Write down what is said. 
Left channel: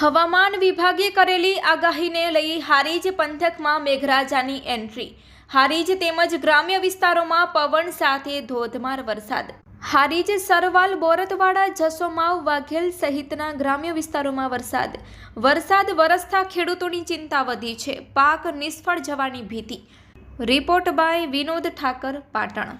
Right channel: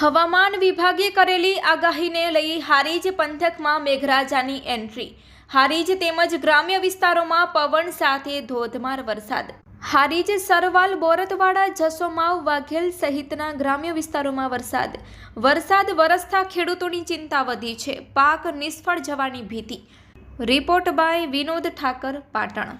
હવામાન વિભાગે કરેલી આગાહીને લઈ હારીજ પંથકમાં મેઘરાજાની એન્ટ્રી. હારીજ તેમજ ગ્રામ્ય વિસ્તારોમાં પવન સાથે ધોધમાર વરસાદ. હારીજ, સરવાલ, બોરતવાડા, જસોમાવ, વાઘેલ સહિતના ગ્રામ્ય વિસ્તારોમાં વરસાદ. વરસાદ વરસતા ખેડૂતોની ચિંતા વધી છે. પાક નિષ્ફળ જવાની ભીતિ. Report by Vinod Thakar, Patan.